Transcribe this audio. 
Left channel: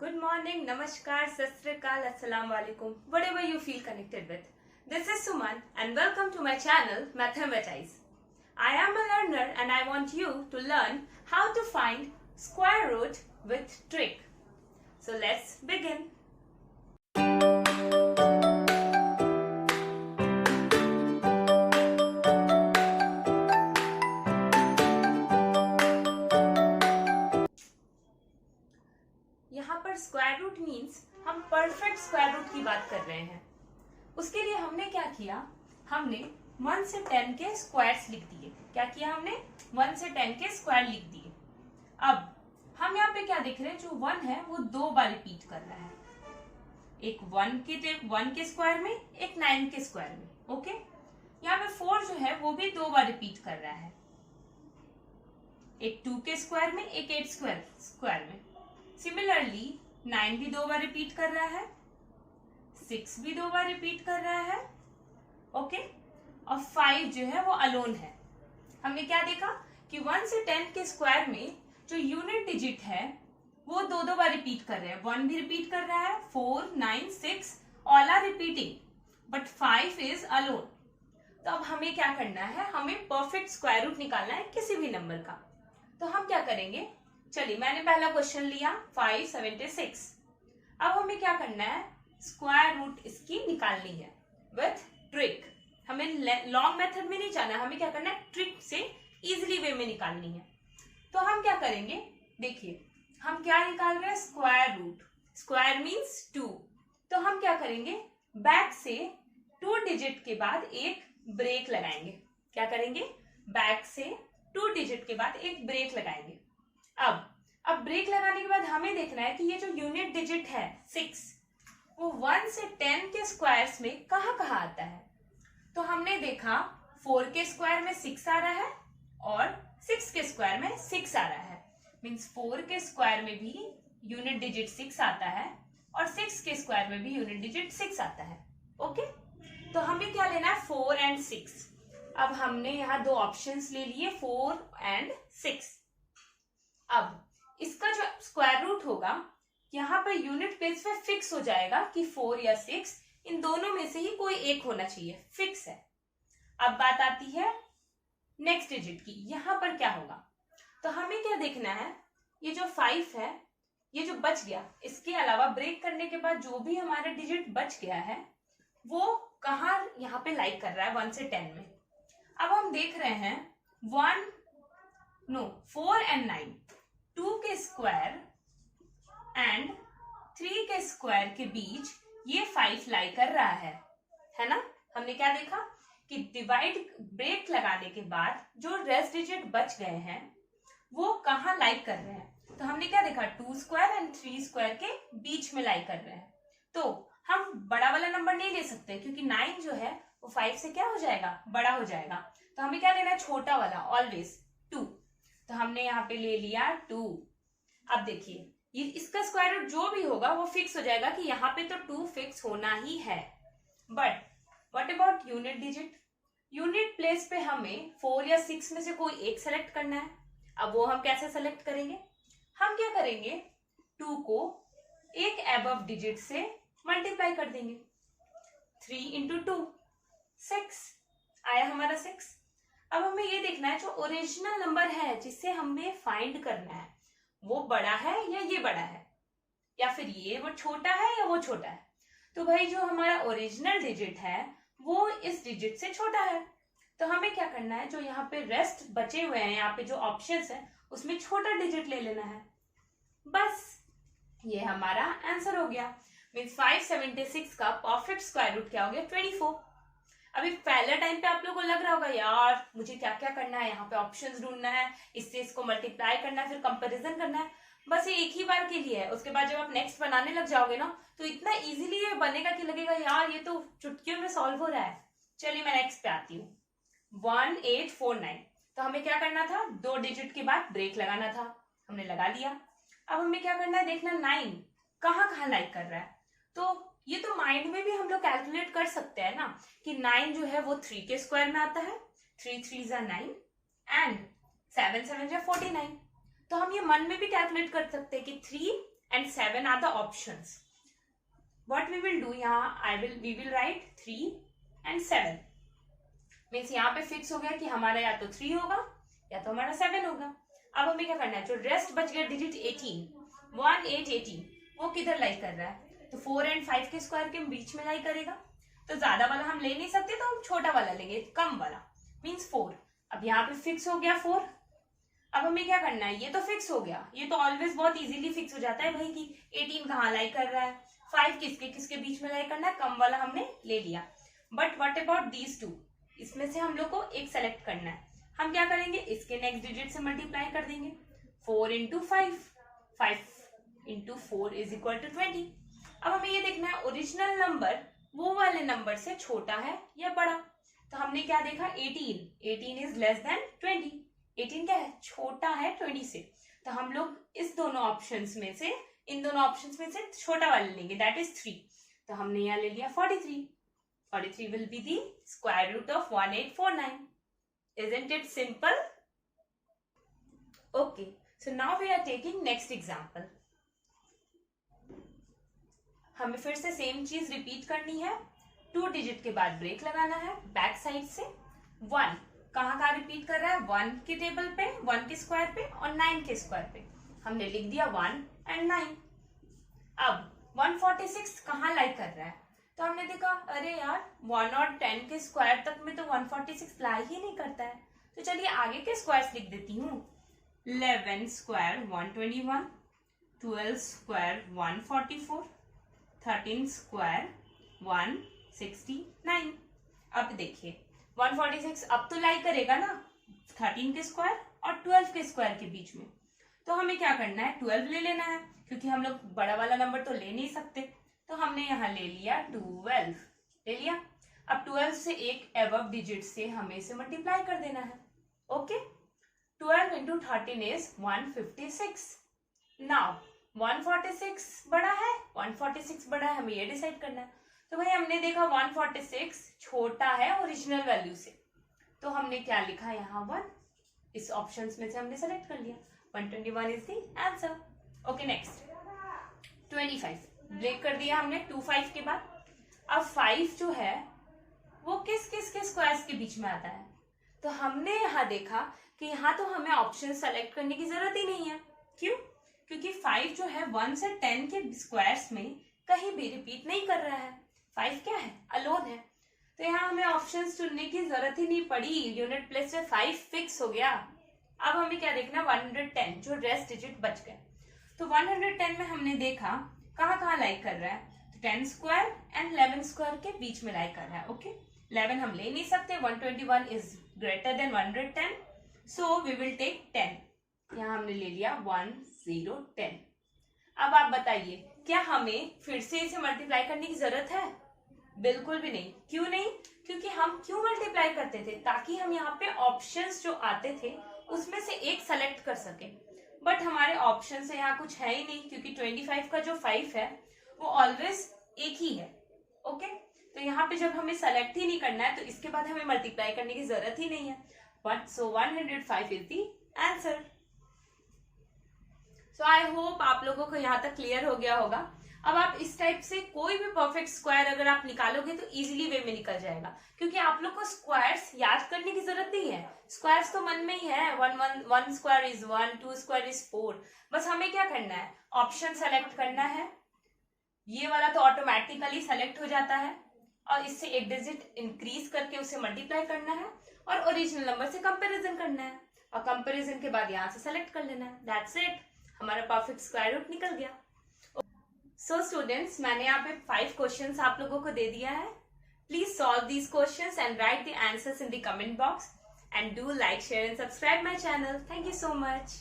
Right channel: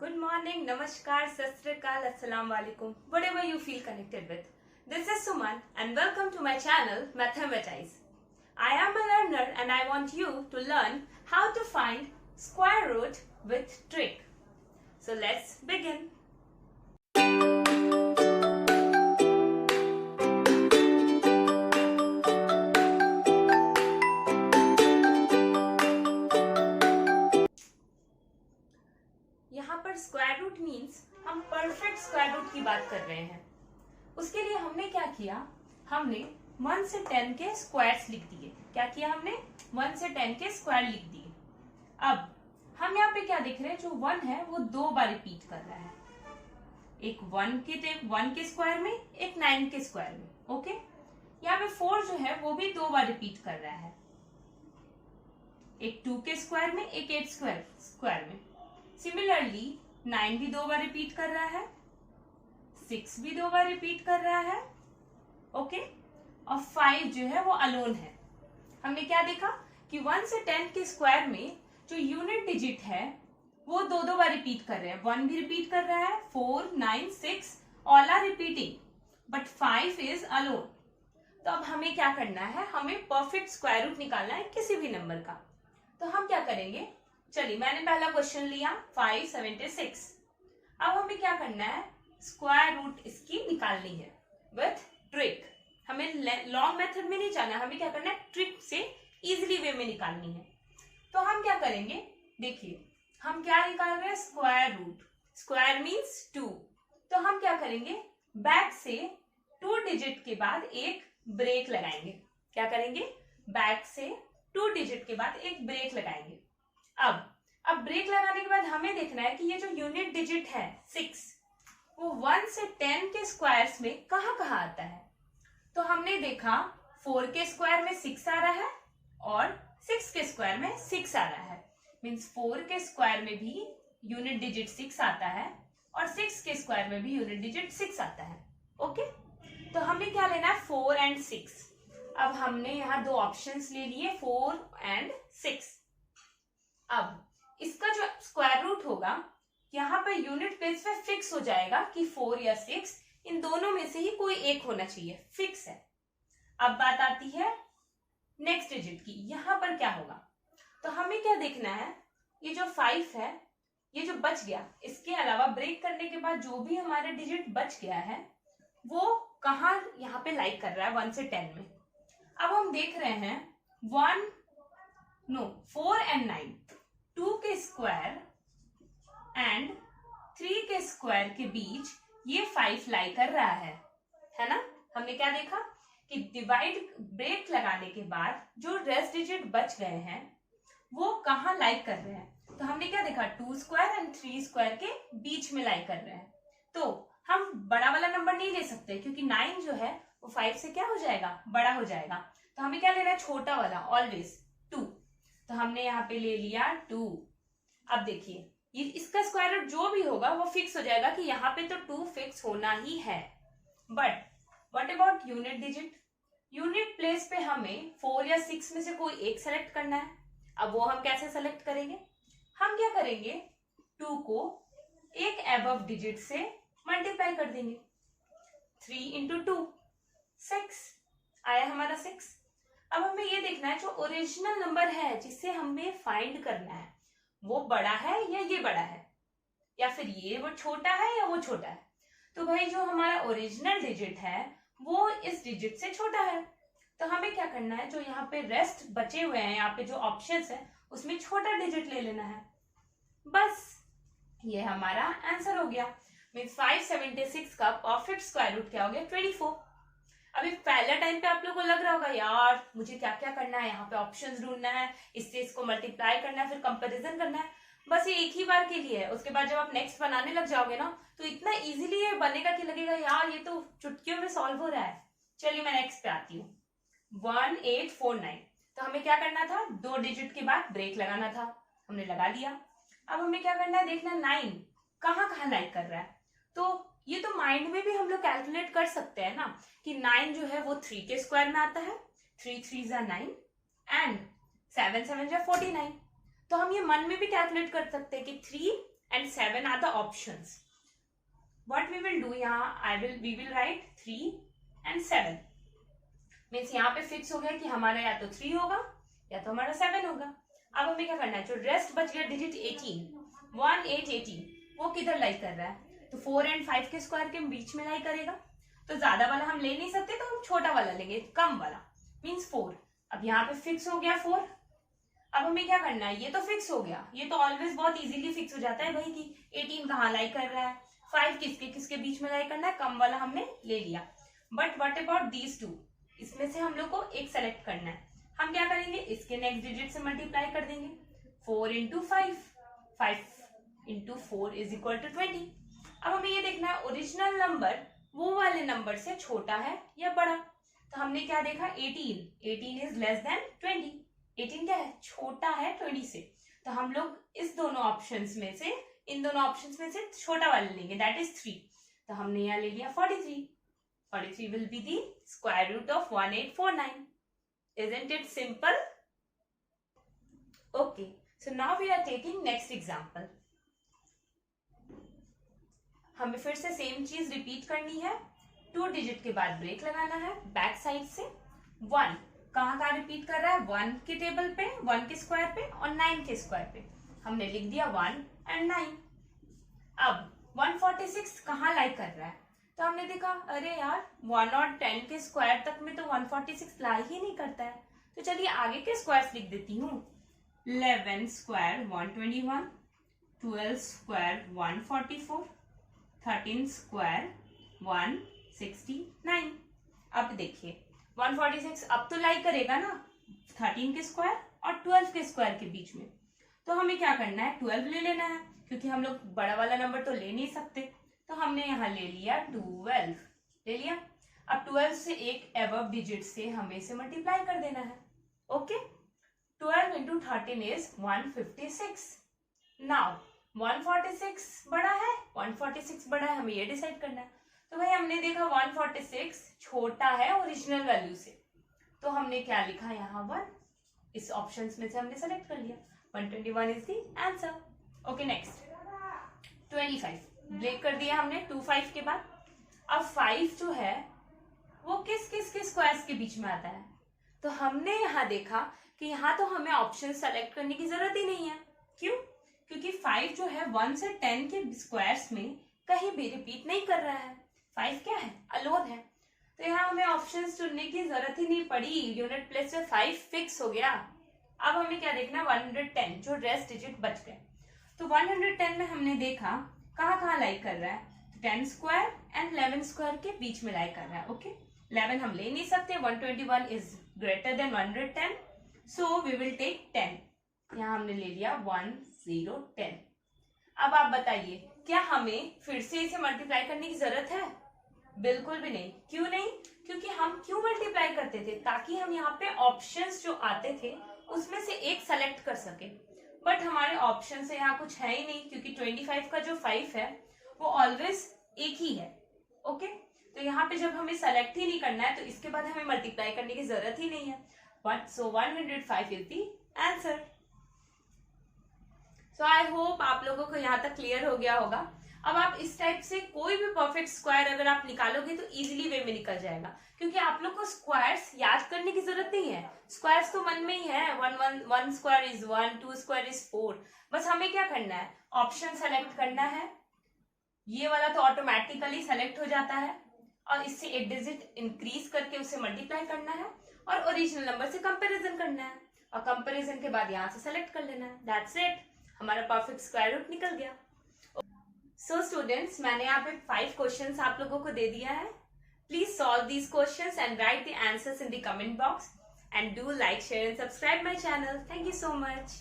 Good morning, Namaskar, Sat Sri Akal, Assalamu Alaikum, whatever you feel connected with. This is Suman and welcome to my channel Mathematize. I am a learner and I want you to learn how to find square root with trick. So let's begin. यहाँ पर square root means हम perfect square root की बात कर रहे हैं। उसके लिए हमने क्या किया, हमने 1 से 10 के स्क्वायर्स लिख दिए। क्या किया हमने? 1 से 10 के स्क्वायर लिख दिए। अब हम यहाँ पे क्या देख रहे हैं, जो 1 है वो 2 बार रिपीट कर रहा है, एक 1 के स्क्वायर में, एक 9 के स्क्वायर में। ओके, यहाँ पे 4 जो है वो भी 2 बार रिपीट कर रहा है, एक 2 के स्क्वायर में, एक 8 स्क्वायर में। सिमिलरली 9 भी 2 बार रिपीट कर रहा है, 6 भी 2 बार रिपीट कर रहा है। ओके, और 5 जो है वो अलोन है। हमने क्या देखा कि 1 से 10 के स्क्वायर में जो यूनिट डिजिट है वो 2 बार रिपीट कर रहे हैं। 1 भी रिपीट कर रहा है, 4, 9, 6 all are repeating, but 5 is alone. तो अब हमें क्या करना है, हमें परफेक्ट स्क्वायर रूट निकालना है किसी भी नंबर का। तो हम क्या करेंगे, चलिए मैंने पहला क्वेश्चन लिया 576। अब हमें क्या करना है, स्क्वायर रूट इसकी निकालनी है विथ ट्रिक। हमें लॉन्ग मेथड में नहीं जाना, हमें क्या करना है, ट्रिक से इजीली वे में निकालनी है। तो हम क्या करेंगे, देखिए हम क्या निकाल रहे हैं, स्क्वायर रूट। Square means 2। तो हम क्या करेंगे, बैक से 2 डिजिट के बाद एक ब्रेक लगाएंगे। क्या करेंगे, बैक से 2 डिजिट के बाद एक ब्रेक लगाएंगे। अब ब्रेक लगाने के बाद हमें देखना है कि ये जो यूनिट डिजिट है 6, वो 1 से 10 के स्क्वायर्स में कहाँ कहाँ आता है। तो हमने देखा 4 के स्क्वायर में 6 आ रहा है और 6 के स्क्वायर में 6 आ रहा है। मीन्स 4 के स्क्वायर में भी यूनिट डिजिट 6 आता है और 6 के स्क्वायर में भी यूनिट डिजिट 6 आता है। ओके, तो हमें क्या लेना है, 4 एंड 6। अब हमने यहाँ 2 ऑप्शंस ले लिए, 4 एंड 6। अब इसका जो स्क्वायर रूट होगा यहाँ पर यूनिट प्लेस पे फिक्स हो जाएगा कि 4 या 6, इन दोनों में से ही कोई एक होना चाहिए, फिक्स है। अब बात आती है नेक्स्ट डिजिट की, यहाँ पर क्या होगा। तो हमें क्या देखना है, ये जो 5 है, ये जो बच गया, इसके अलावा ब्रेक करने के बाद जो भी हमारा डिजिट बच गया है वो कहाँ यहाँ पे लाइक कर रहा है, 1 से 10 में। अब हम देख रहे हैं 4 एंड 9, 2 के स्क्वायर एंड 3 के स्क्वायर के बीच ये 5 लाई कर रहा है ना। हमने क्या देखा कि डिवाइड ब्रेक लगाने के बाद जो रेस्ट डिजिट बच गए हैं वो कहाँ लाई कर रहे हैं। तो हमने क्या देखा, 2 स्क्वायर एंड 3 स्क्वायर के बीच में लाई कर रहे हैं। तो हम बड़ा वाला नंबर नहीं ले सकते क्योंकि 9 जो है वो 5 से क्या हो जाएगा, बड़ा हो जाएगा। तो हमें क्या लेना है, छोटा वाला, ऑलवेज 2। तो हमने यहाँ पे ले लिया 2। अब देखिए ये इसका स्क्वायर रूट जो भी होगा वो फिक्स हो जाएगा कि यहाँ पे तो 2 फिक्स होना ही है। But what about unit digit, unit place पे हमें 4 या 6 में से कोई एक सेलेक्ट करना है। अब वो हम कैसे सेलेक्ट करेंगे, हम क्या करेंगे, 2 को एक एबव डिजिट से मल्टीप्लाई कर देंगे। 3 इंटू 2 6 आया हमारा 6। अब हमें ये देखना है जो ओरिजिनल नंबर है जिसे हमें फाइंड करना है वो बड़ा है या ये बड़ा है, या फिर ये वो छोटा है या वो छोटा है। तो भाई जो हमारा ओरिजिनल डिजिट है वो इस डिजिट से छोटा है। तो हमें क्या करना है, जो यहाँ पे रेस्ट बचे हुए हैं, यहाँ पे जो ऑप्शंस है उसमें छोटा डिजिट ले लेना है। बस ये हमारा आंसर हो गया। मीन्स 576 का परफेक्ट स्क्वायर रूट क्या हो गया, 24। अभी पहले टाइम पे आप लोगों को लग रहा होगा यार मुझे क्या क्या करना है, यहाँ पे ऑप्शंस ढूंढना है, इससे इसको मल्टीप्लाई करना है, फिर कंपैरिजन करना है। बस ये एक ही बार के लिए है। उसके बाद जब आप नेक्स्ट बनाने लग जाओगे ना तो इतना इजीली ये बनेगा कि लगेगा यार ये तो चुटकियों में सॉल्व हो रहा है। चलिए मैं नेक्स्ट पे आती हूँ, 1849। तो हमें क्या करना था, 2 डिजिट के बाद ब्रेक लगाना था, हमने लगा लिया। अब हमें क्या करना है, देखना 9 कहाँ कहाँ लाइक कर रहा है। तो ये तो माइंड में भी हम लोग कैलकुलेट कर सकते हैं ना कि 9 जो है वो 3 के स्क्वायर में आता है, 3 3 9 एंड 7 7 49। तो हम ये मन में भी कैलकुलेट कर सकते हैं कि 3 and 7 are the options. What we will do यहाँ we will write 3 and 7. Means यहाँ पे फिक्स हो गया कि हमारा या तो 3 होगा या तो हमारा 7 होगा. अब हमें क्या करना है, जो रेस्ट बच गया डिजिट 18, 1 8 18, वो किधर लाई कर रहा है, तो 4 and 5 के स्क्वायर के बीच में लाई करेगा. तो ज्यादा वाला हम ले नहीं सकते, तो हम छोटा वाला लेंगे, कम वाला, मीन्स 4. अब यहाँ पे फिक्स हो गया 4. अब हमें क्या करना है, ये तो फिक्स हो गया, ये तो ऑलवेज बहुत इजीली फिक्स हो जाता है भाई कि 18 कहाँ लाई कर रहा है, 5 किसके किसके बीच में लाई करना है, कम वाला हमने ले लिया. बट व्हाट अबाउट दीज 2, इसमें से हम लोग को एक सेलेक्ट करना है. हम क्या करेंगे, इसके नेक्स्ट डिजिट से मल्टीप्लाई कर देंगे. 4 into 5, 5 into 4 is equal to 20. अब हमें ये देखना है ओरिजिनल नंबर वो वाले नंबर से छोटा है या बड़ा. तो हमने क्या देखा, 18 इज लेस देन 20. 18 क्या है, छोटा है 20 से. तो हम लोग इस दोनों ऑप्शंस में से, इन दोनों ऑप्शंस में से छोटा वाला लेंगे, दैट इज 3. तो हमने यहाँ ले लिया 43. 43 will be the square root of 1849. Isn't it simple? Okay, so now we are taking next example. हमें फिर से सेम चीज रिपीट करनी है. 2 डिजिट के बाद ब्रेक लगाना है बैक साइड से. 1 कहाँ रिपीट कर रहा है, 1 के टेबल पे, 1 के स्क्वायर पे और 9 के स्क्वायर पे. हमने लिख दिया 1 and 9. अब 146 कहाँ लाई कर रहा है, तो हमने देखा अरे यार 1 और 10 के स्क्वायर तक में तो 146 लाई ही नहीं करता है. तो चलिए आगे के स्क्वायर्स लिख देती हूँ. 11 स्क्वायर 121, 12 स्क्वायर 144, 13 स्क्वायर 169. अब देखिए 146 अब तो लाई करेगा ना 13 के स्क्वायर और 12 के स्क्वायर के बीच में. तो हमें क्या करना है, 12 ले लेना है, क्योंकि हम लोग बड़ा वाला नंबर तो ले नहीं सकते. तो हमने यहाँ ले लिया 12 ले लिया. अब 12 से एक एबव डिजिट से हमें इसे मल्टीप्लाई कर देना है. Okay, 12 into 13 is 156. नाउ 146 बड़ा है, 146 बड़ा है, हमें ये डिसाइड करना है. तो भाई हमने देखा 146 छोटा है ओरिजिनल वैल्यू से, तो हमने क्या लिखा यहाँ 1. इस ऑप्शंस में से हमने सेलेक्ट कर लिया. 121 is the answer. Okay, next 25 break कर दिया हमने 25 के बाद. अब 5 जो है वो किस किस के स्क्वायर्स के बीच में आता है, तो हमने यहाँ देखा कि यहाँ तो हमें ऑप्शन सेलेक्ट करने की जरूरत ही नहीं है. क्यों, क्योंकि 5 जो है 1 से 10 के स्क्वायर्स में कहीं भी रिपीट नहीं कर रहा है. 5 क्या है, अलोन है. तो यहाँ हमें ऑप्शंस चुनने की जरूरत ही नहीं पड़ी, यूनिट प्लेस से 5 फिक्स हो गया. अब हमें क्या देखना, 110 जो रेस्ट डिजिट बच गए. तो 110 में हमने देखा कहाँ लाई कर रहा है, 10 स्क्वायर एंड 11 स्क्वायर के बीच में लाई कर रहा है. ओके, 11 हम ले नहीं सकते, 121 is greater than 110, so we will take 10. यहाँ हमने ले लिया 1010. अब आप बताइए क्या हमें फिर से इसे मल्टीप्लाई करने की जरूरत है, बिल्कुल भी नहीं. क्यों नहीं, क्योंकि हम क्यों मल्टीप्लाई करते थे, ताकि हम यहाँ पे ऑप्शंस जो आते थे उसमें से एक सेलेक्ट कर सके. बट हमारे ऑप्शन से यहाँ कुछ है ही नहीं, क्योंकि 25 का जो 5 है वो ऑलवेज एक ही है. ओके, तो यहाँ पे जब हमें सेलेक्ट ही नहीं करना है तो इसके बाद हमें मल्टीप्लाई करने की जरूरत ही नहीं है. But so 105 is the answer. So I hope आप लोगों को यहाँ तक क्लियर हो गया होगा. अब आप इस टाइप से कोई भी परफेक्ट स्क्वायर अगर आप निकालोगे तो इजीली वे में निकल जाएगा, क्योंकि आप लोग को स्क्वायर्स याद करने की जरूरत नहीं है. स्क्वायर्स तो मन में ही है. 1 स्क्वायर इज 1, 2 स्क्वायर इज 4. बस हमें क्या करना है, ऑप्शन सेलेक्ट करना है. ये वाला तो ऑटोमेटिकली सेलेक्ट हो जाता है, और इससे एक डिजिट इंक्रीज करके उसे मल्टीप्लाई करना है और ओरिजिनल नंबर से कंपेरिजन करना है, और कंपेरिजन के बाद यहाँ से सेलेक्ट कर लेना है. दैट्स इट, हमारा परफेक्ट स्क्वायर रूट निकल गया. सो स्टूडेंट्स, मैंने यहाँ पे 5 क्वेश्चंस आप लोगों को दे दिया है. Please solve these questions and right the answers in the comment box, and do like, share and subscribe my channel. Thank you so much.